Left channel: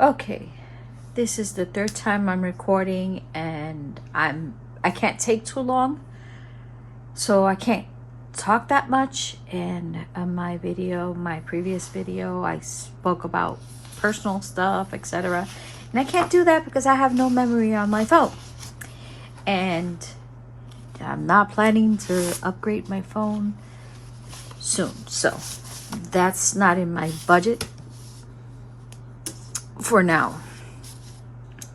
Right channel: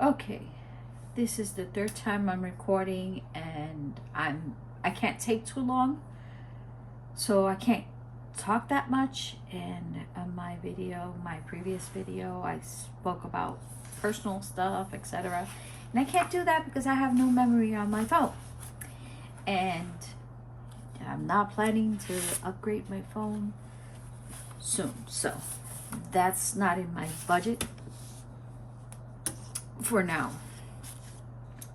Okay, this is the third time I'm recording, and I can't take too long, so I can't talk that much. And my previous video, I spoke about personal stuff, etc., and I can't do that because I have no memory on my phone, and I'm not planning to upgrade my phone soon, so that's not in my budget for now.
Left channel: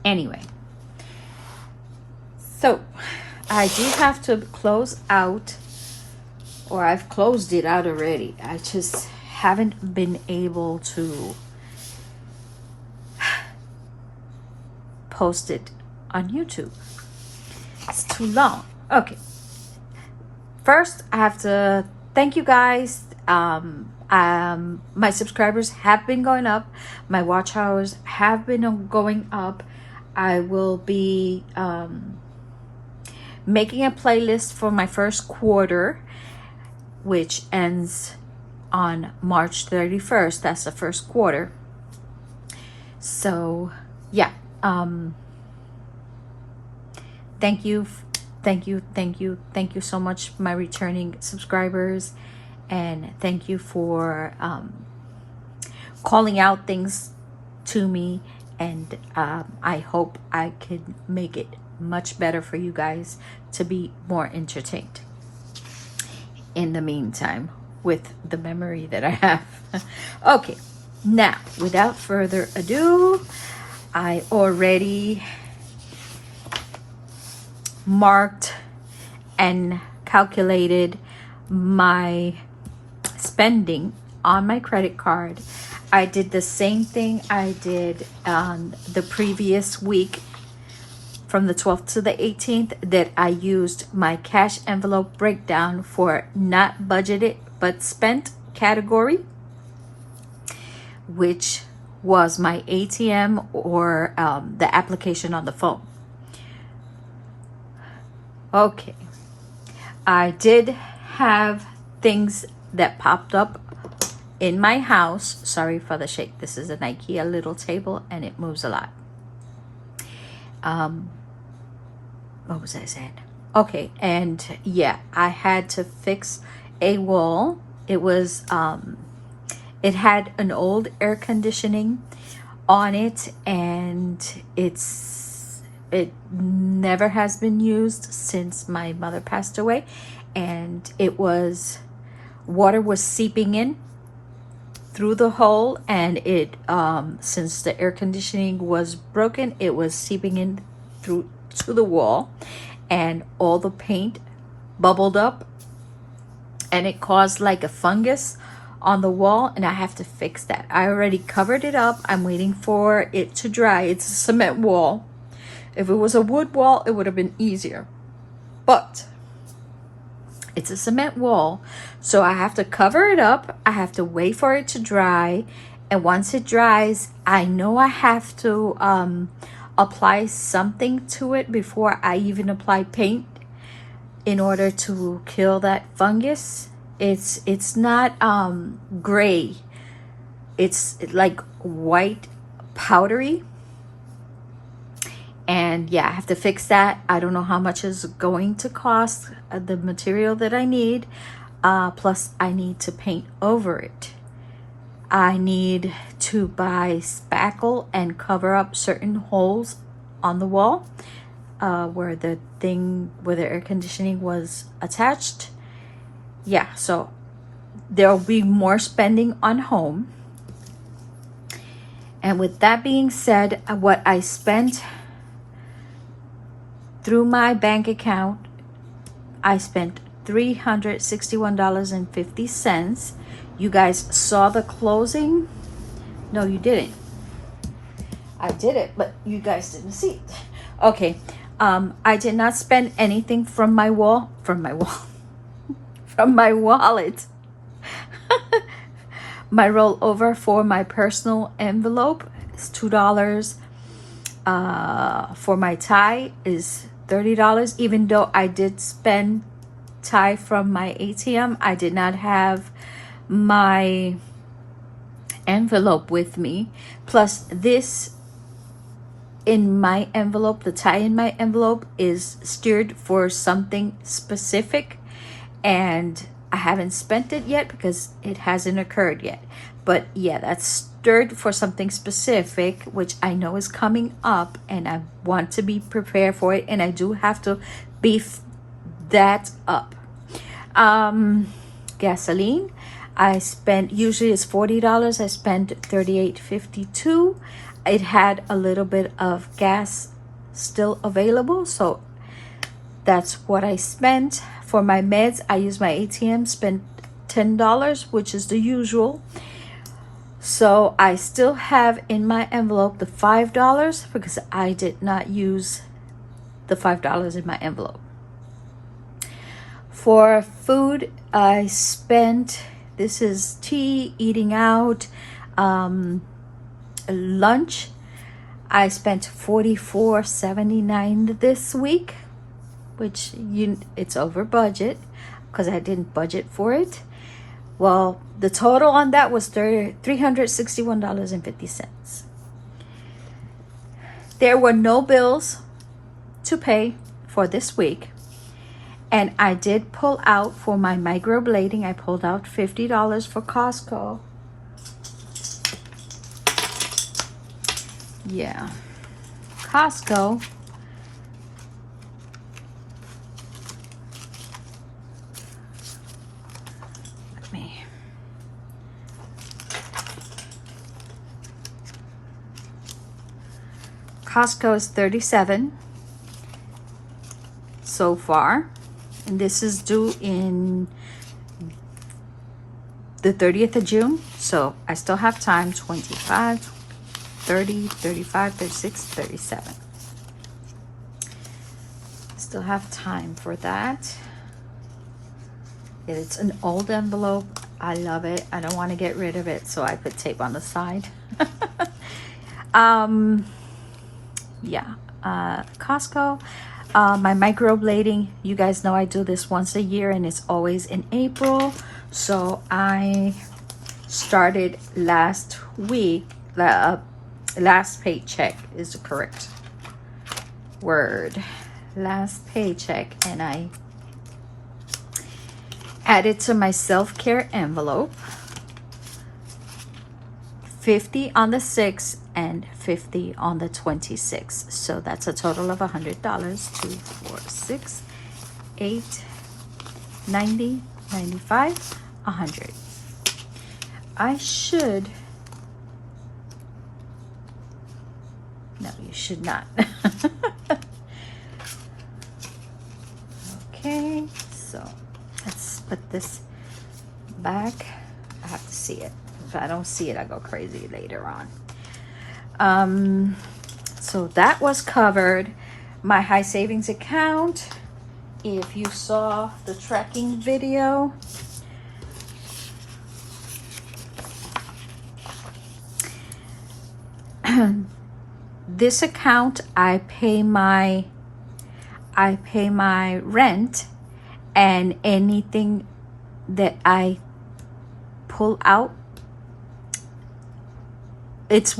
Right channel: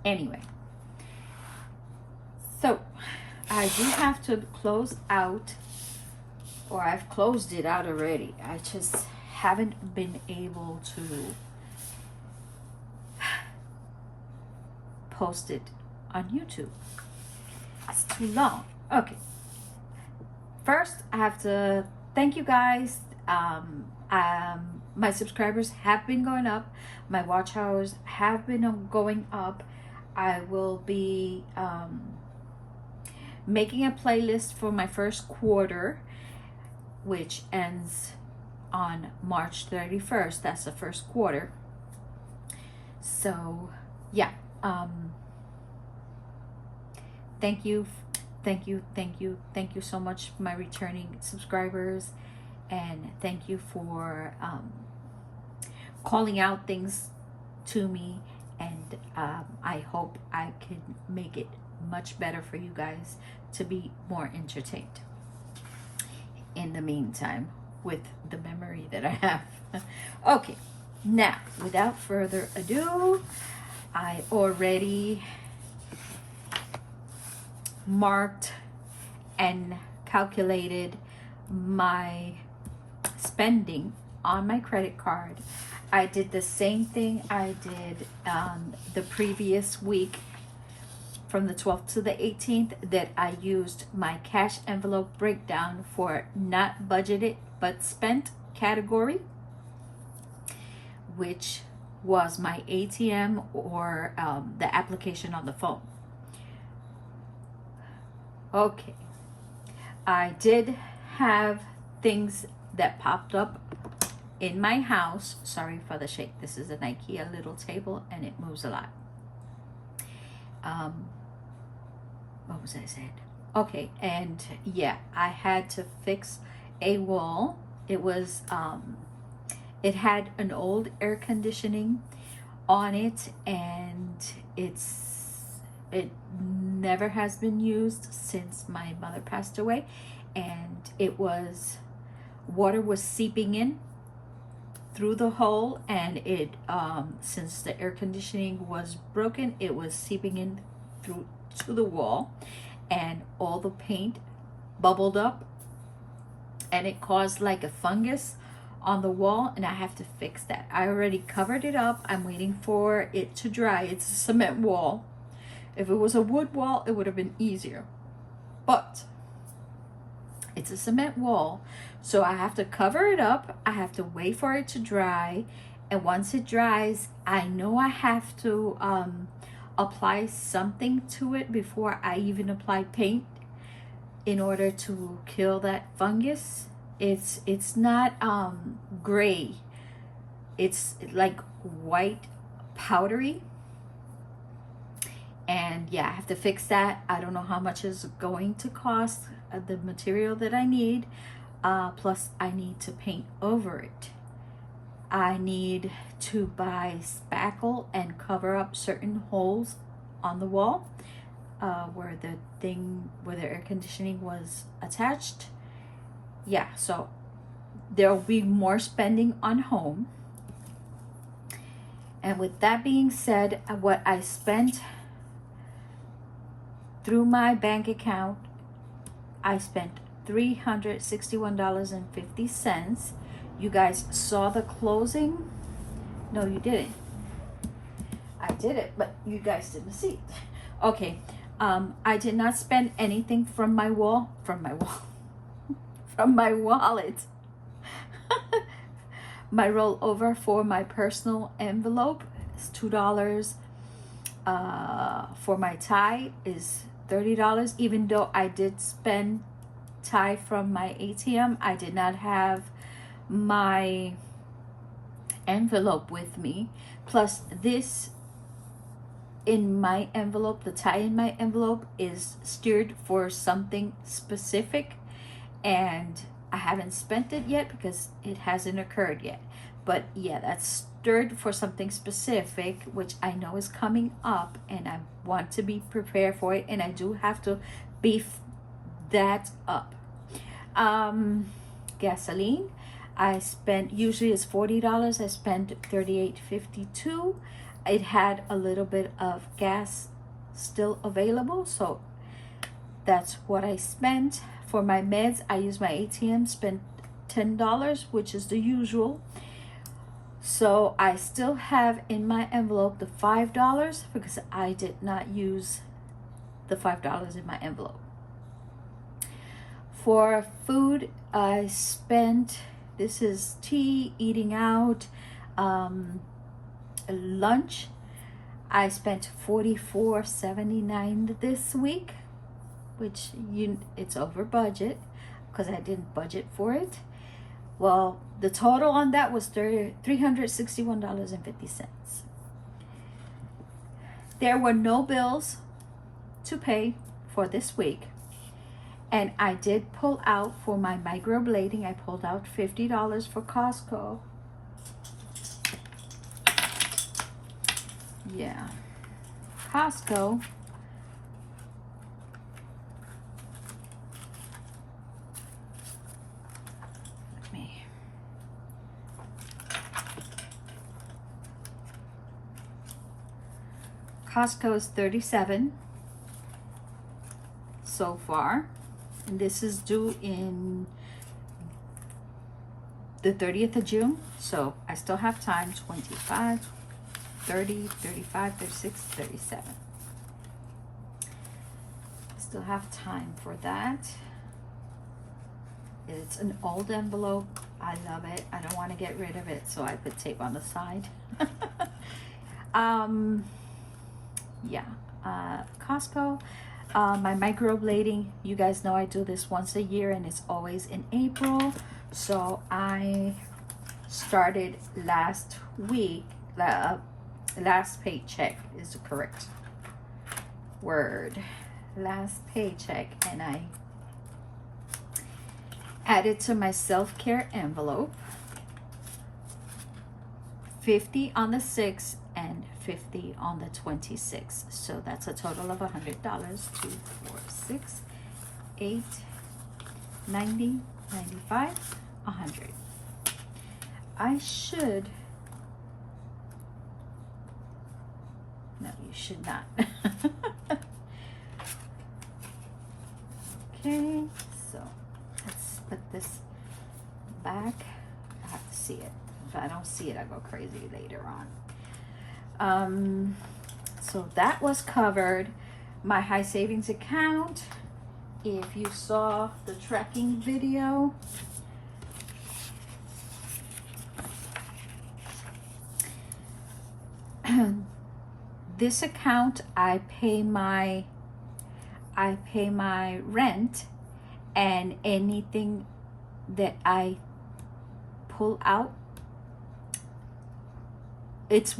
Anyway, so I do have to close out, or I've closed it out already. I just haven't been able to post it on YouTube. It's too long. Okay, first I have to thank you guys. My subscribers have been going up, my watch hours have been going up. I will be making a playlist for my first quarter, which ends on March 31st. That's the first quarter. So yeah, thank you so much, my returning subscribers, and thank you for calling out things to me, and I hope I can make it much better for you guys to be more entertained in the meantime with the memory that I have. Okay, now without further ado, I already marked and calculated my spending on my credit card. I did the same thing I did on the previous week from the 12th to the 18th, that I used my cash envelope breakdown for not budgeted but spent category, which was my ATM or the application on the phone. Okay, I did have things that popped up in my house. Sorry for the shake. This is an IKEA little table and it moves a lot. What was I saying? Okay, and yeah, I had to fix a wall. It was it had an old air conditioning on it, and it never has been used since my mother passed away, and it was, water was seeping in through the hole, and it since the air conditioning was broken, it was seeping in through to the wall, and all the paint bubbled up, and it caused like a fungus on the wall, and I have to fix that. I already covered it up. I'm waiting for it to dry. It's a cement wall. If it was a wood wall, it would have been easier, but it's a cement wall, so I have to cover it up. I have to wait for it to dry, and once it dries, I know I have to apply something to it before I even apply paint in order to kill that fungus. It's not gray, it's like white powdery, and yeah, I have to fix that. I don't know how much is going to cost, the material that I need, plus I need to paint over it. I need to buy spackle and cover up certain holes on the wall where the air conditioning was attached. Yeah, so there will be more spending on home. And with that being said, what I spent through my bank account, I spent $361.50. You guys saw the closing? No, you didn't. I did it, but you guys didn't see it. Okay, I did not spend anything from my wallet. My rollover for my personal envelope is $2. For my tie is $30. Even though I did spend tie from my ATM, I did not have my envelope with me. Plus this in my envelope, the tie in my envelope is steered for something specific, and I haven't spent it yet because it hasn't occurred yet. But yeah, that's stirred for something specific, which I know is coming up, and I want to be prepared for it, and I do have to beef that up. Gasoline, I spent, usually it's $40. I spent $38.52. It had a little bit of gas still available, so that's what I spent. For my meds, I used my ATM, spent $10, which is the usual. So I still have in my envelope the $5 because I did not use the $5 in my envelope. For food, I spent, this is tea, eating out, lunch. I spent $44.79 this week, which it's over budget because I didn't budget for it. Well, the total on that was $361.50. There were no bills to pay for this week, and I did pull out for my microblading. I pulled out $50 for Costco. Yeah, Costco. Costco is $37 so far, and this is due in the 30th of June, so I still have time. 25, 30, 35, 36, 37. Still have time for that. It's an old envelope. I love it. I don't want to get rid of it, so I put tape on the side. Yeah, Costco. My microblading, you guys know I do this once a year, and it's always in April. So I started last week. Last paycheck is the correct word. Last paycheck, and I added to my self-care envelope $50 on the 6th and $50 on the 26th. So that's a total of $100. 2, 4, 6, 8, 90, 95, 100. I should. No, you should not. Okay, so let's put this back. I have to see it. If I don't see it, I go crazy later on. So that was covered. My high savings account, if you saw the tracking video, this account, I pay my rent, and anything that I pull out, it's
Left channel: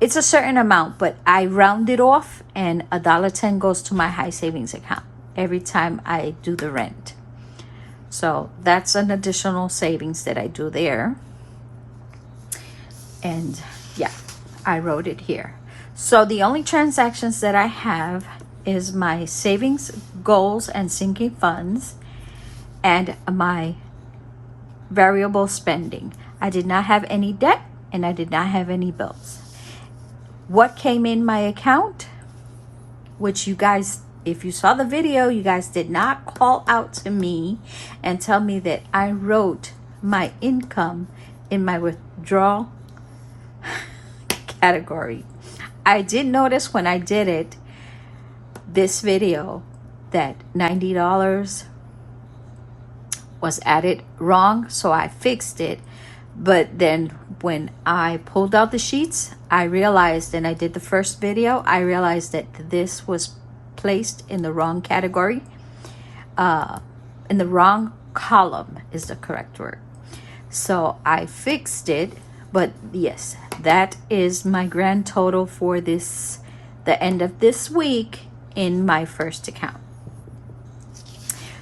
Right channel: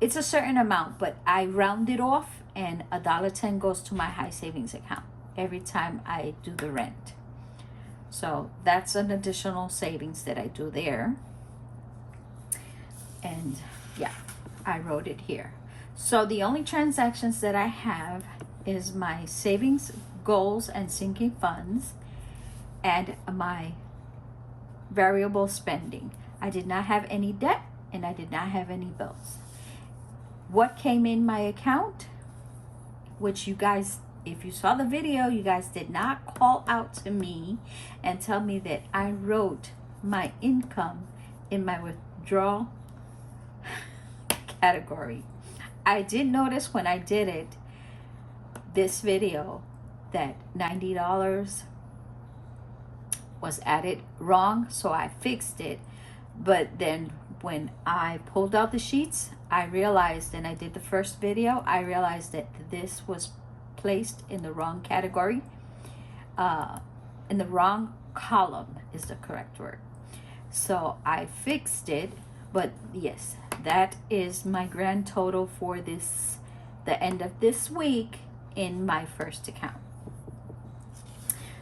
it's a certain amount, but I round it off, and $1.10 goes to my high savings account every time I do the rent. So that's an additional savings that I do there. And yeah, I wrote it here. So the only transactions that I have is my savings, goals, and sinking funds, and my variable spending. I did not have any debt, and I did not have any bills. What came in my account, which you guys, if you saw the video, you guys did not call out to me and tell me that I wrote my income in my withdrawal category. I did notice when I did it, this video, that $90 was added wrong, so I fixed it. But then when I pulled out the sheets, I realized, and I did the first video, I realized that this was placed in the wrong category. In the wrong column is the correct word. So I fixed it, but yes, that is my grand total for this, the end of this week in my first account.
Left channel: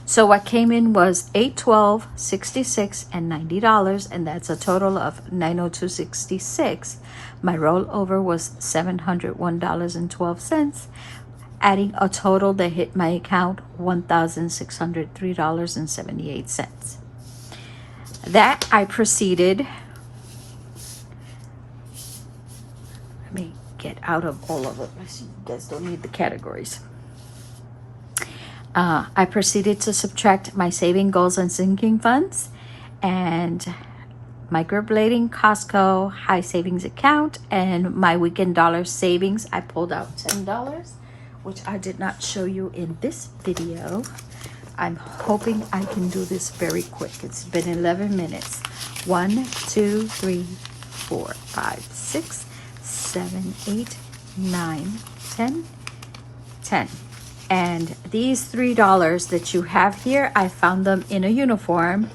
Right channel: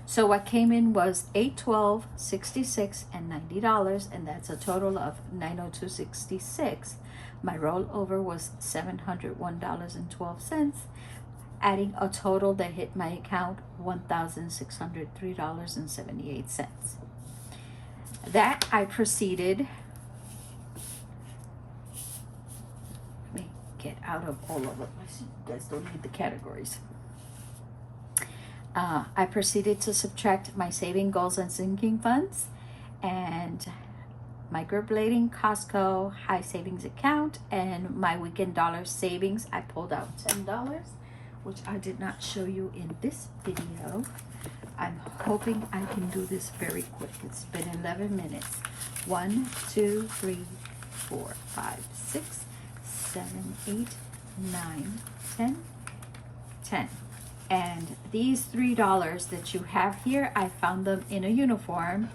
So what came in was $812, $66, and $90, and that's a total of $902.66. My rollover was $701.12, adding a total that hit my account $1,603.78. That I proceeded. Let me get out of all of it. You guys don't need the categories. I proceeded to subtract my saving goals and sinking funds and microblading, Costco, high savings account, and my weekend dollar savings. I pulled out $10, which I did not show you in this video. I'm hoping I can do this very quick. It's been 11 minutes. 1, 2, 3, 4, 5, 6, 7, 8, 9, 10, 10. And these $3 that you have here, I found them in a uniform.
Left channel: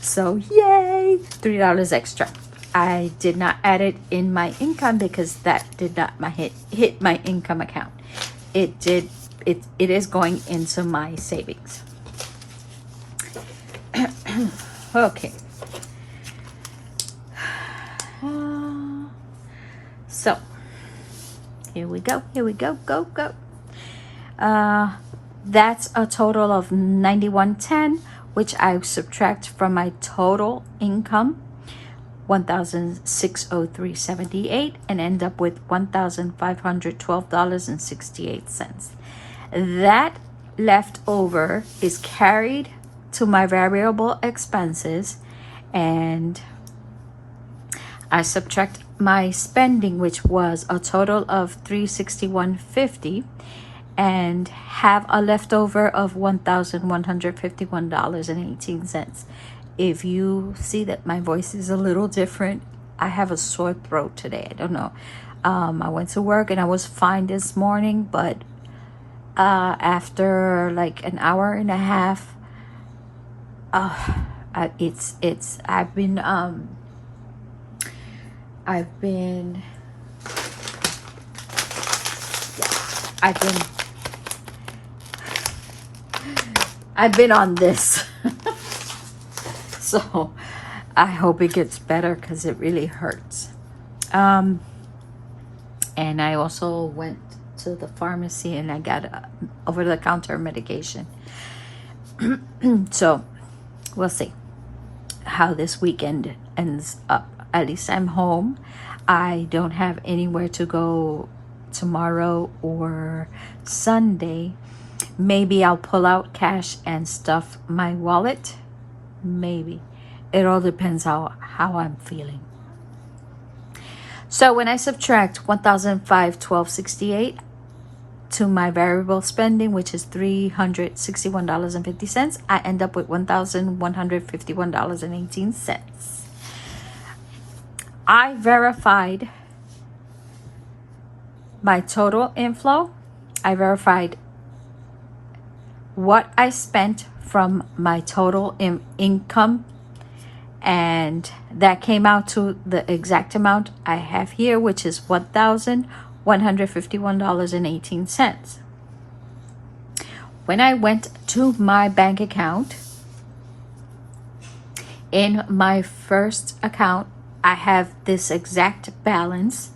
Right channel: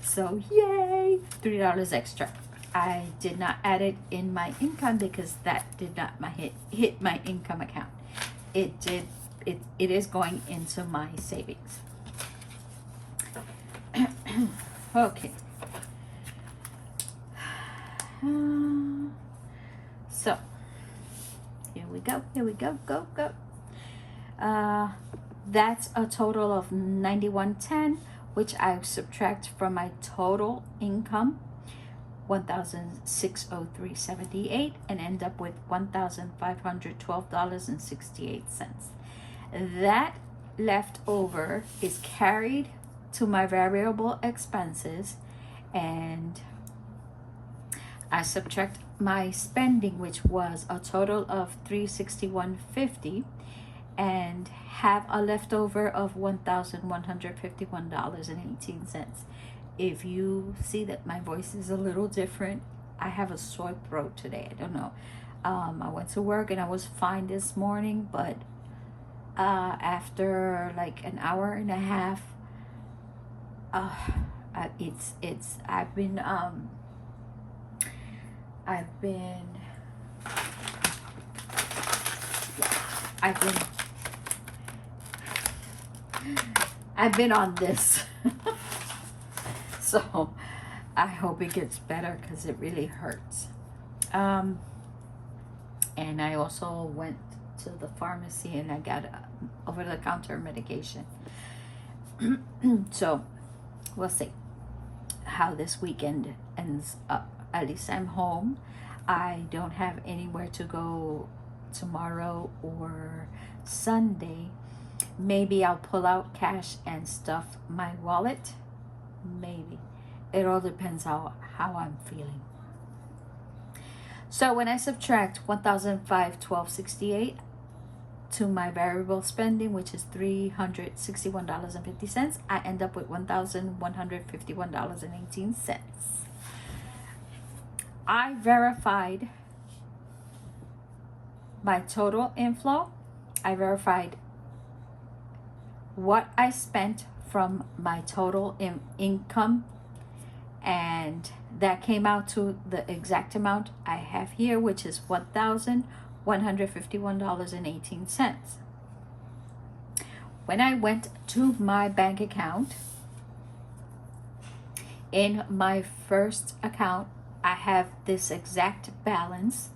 So yay, $3 extra. I did not add it in my income because that did not hit my income account. It is going into my savings. Okay. So here we go, go. That's a total of $91.10, which I subtract from my total income, $1,603.78, and end up with $1,512.68. That leftover is carried to my variable expenses, and I subtract my spending, which was a total of $361.50, and have a leftover of $1,151.18. If you see that my voice is a little different, I have a sore throat today. I don't know. I went to work and I was fine this morning, but after like an hour and a half, I've been on this. So I hope it gets better because it really hurts. And I also went to the pharmacy and I got over-the-counter medication. So we'll see how this weekend ends up. At least I'm home. I don't have anywhere to go tomorrow or Sunday. Maybe I'll pull out cash and stuff my wallet. Maybe. It all depends how I'm feeling. So when I subtract $1,512.68 to my variable spending, which is $361.50, I end up with $1,151.18. I verified my total inflow. I verified what I spent from my total income, and that came out to the exact amount I have here, which is $1,151.18. When I went to my bank account, in my first account, I have this exact balance.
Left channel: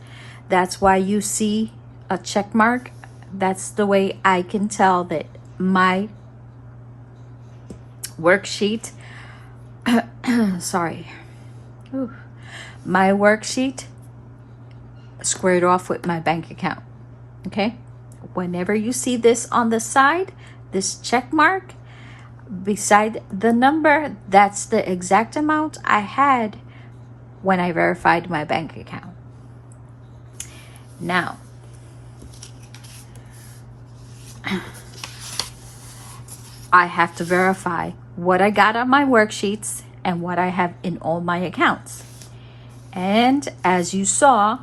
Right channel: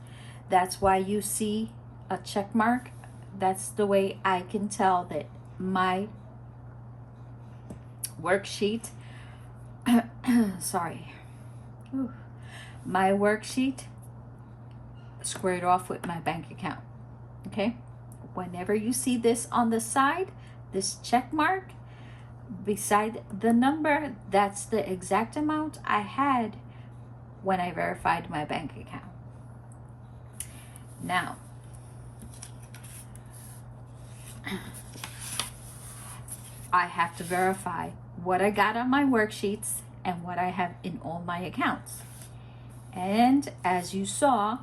That's why you see a check mark. That's the way I can tell that my worksheet my worksheet squared off with my bank account. Okay, whenever you see this on the side, this check mark beside the number, that's the exact amount I had when I verified my bank account. Now, I have to verify what I got on my worksheets and what I have in all my accounts. And as you saw,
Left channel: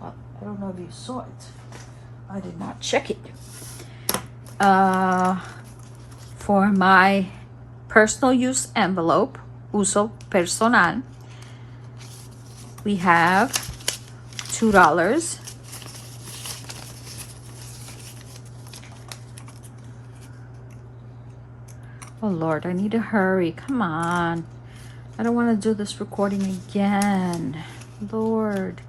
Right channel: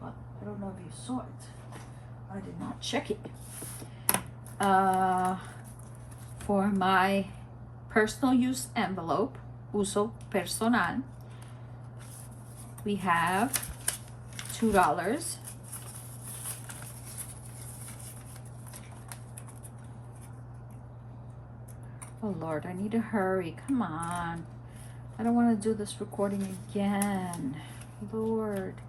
well, I don't know if you saw it. I did not check it. For my personal use envelope, uso personal. We have $2. Oh Lord, I need to hurry. Come on. I don't want to do this recording again. Lord.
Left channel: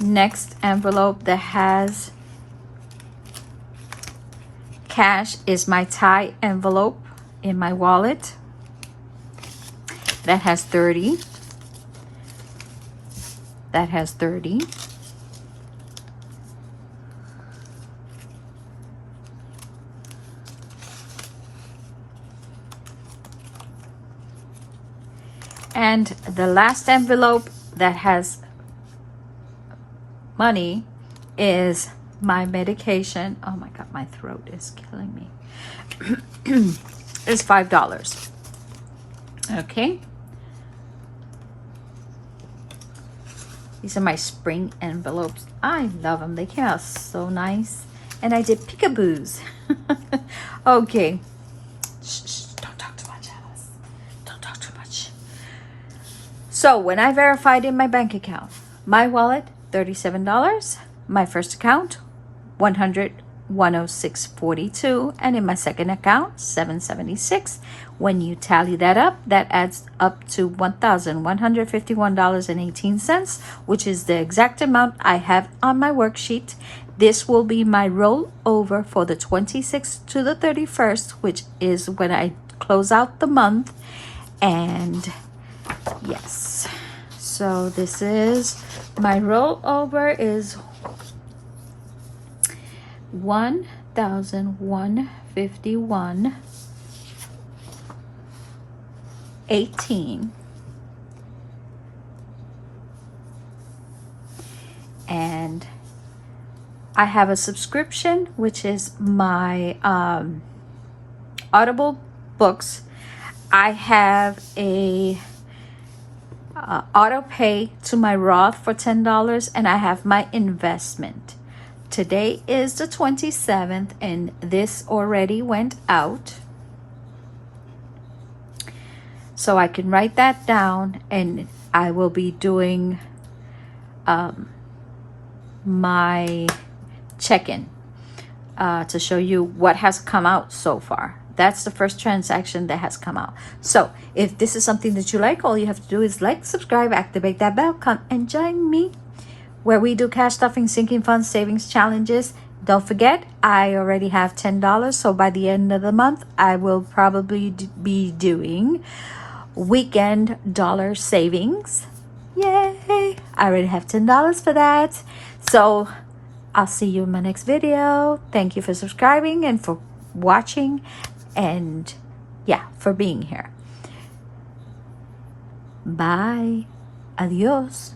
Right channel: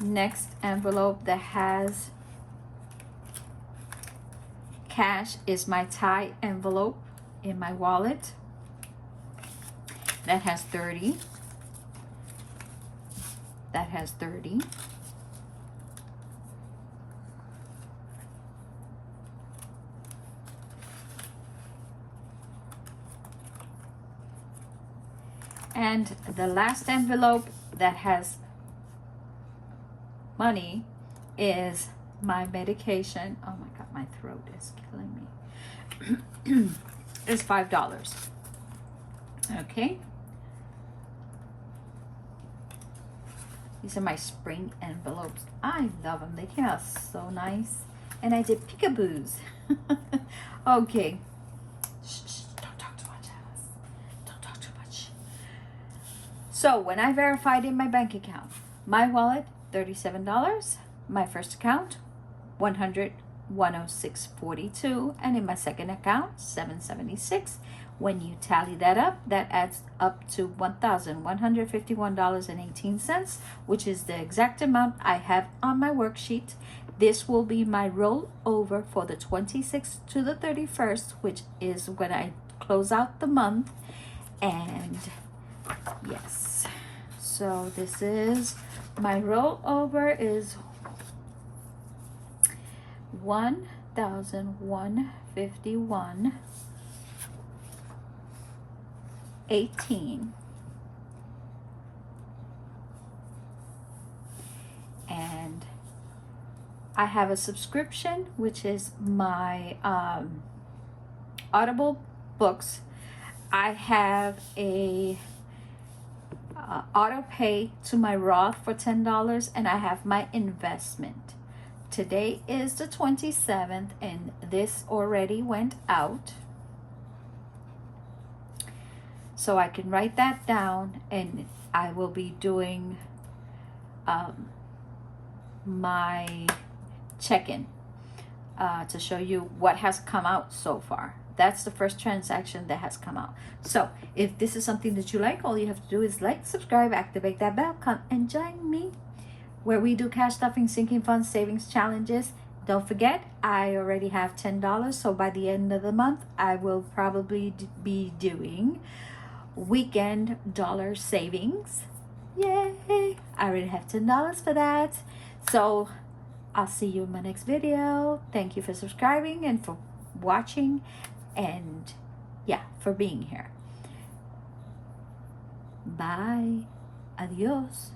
Next envelope that has cash is my Thai envelope in my wallet. That has 30. That has 30. And the last envelope that has money is my medication. Oh my God, my throat is killing me. It's $5. Okay. These are my spring envelopes. I love them. They came out so nice. And I did peekaboos. Okay. Shh, don't talk too much, Alice. Don't talk too much. So when I verified in my bank account, my wallet, $37. My first account, $106.42, and in my second account, $776. When you tally that up, that adds up to $1,151.18, which is the exact amount I have on my worksheet. This will be my rollover for the 26th to the 31st, which is when I close out the month. And yes, so this is my rollover is $1,151.18, and I have a subscription, which is my Audible books. I have a auto pay to my Roth for $10, and I have my investment. Today is the 27th, and this already went out, so I can write that down, and I will be doing my check-in to show you what has come out so far. That's the first transaction that has come out. So if this is something that you like, all you have to do is like, subscribe, activate that bell, come and join me where we do cash stuffing, sinking funds, savings challenges. Don't forget, I already have $10. So by the end of the month, I will probably be doing weekend dollar savings. Yay! I already have $10 for that. So I'll see you in my next video. Thank you for subscribing and for watching, and yeah, for being here. Bye. Adios.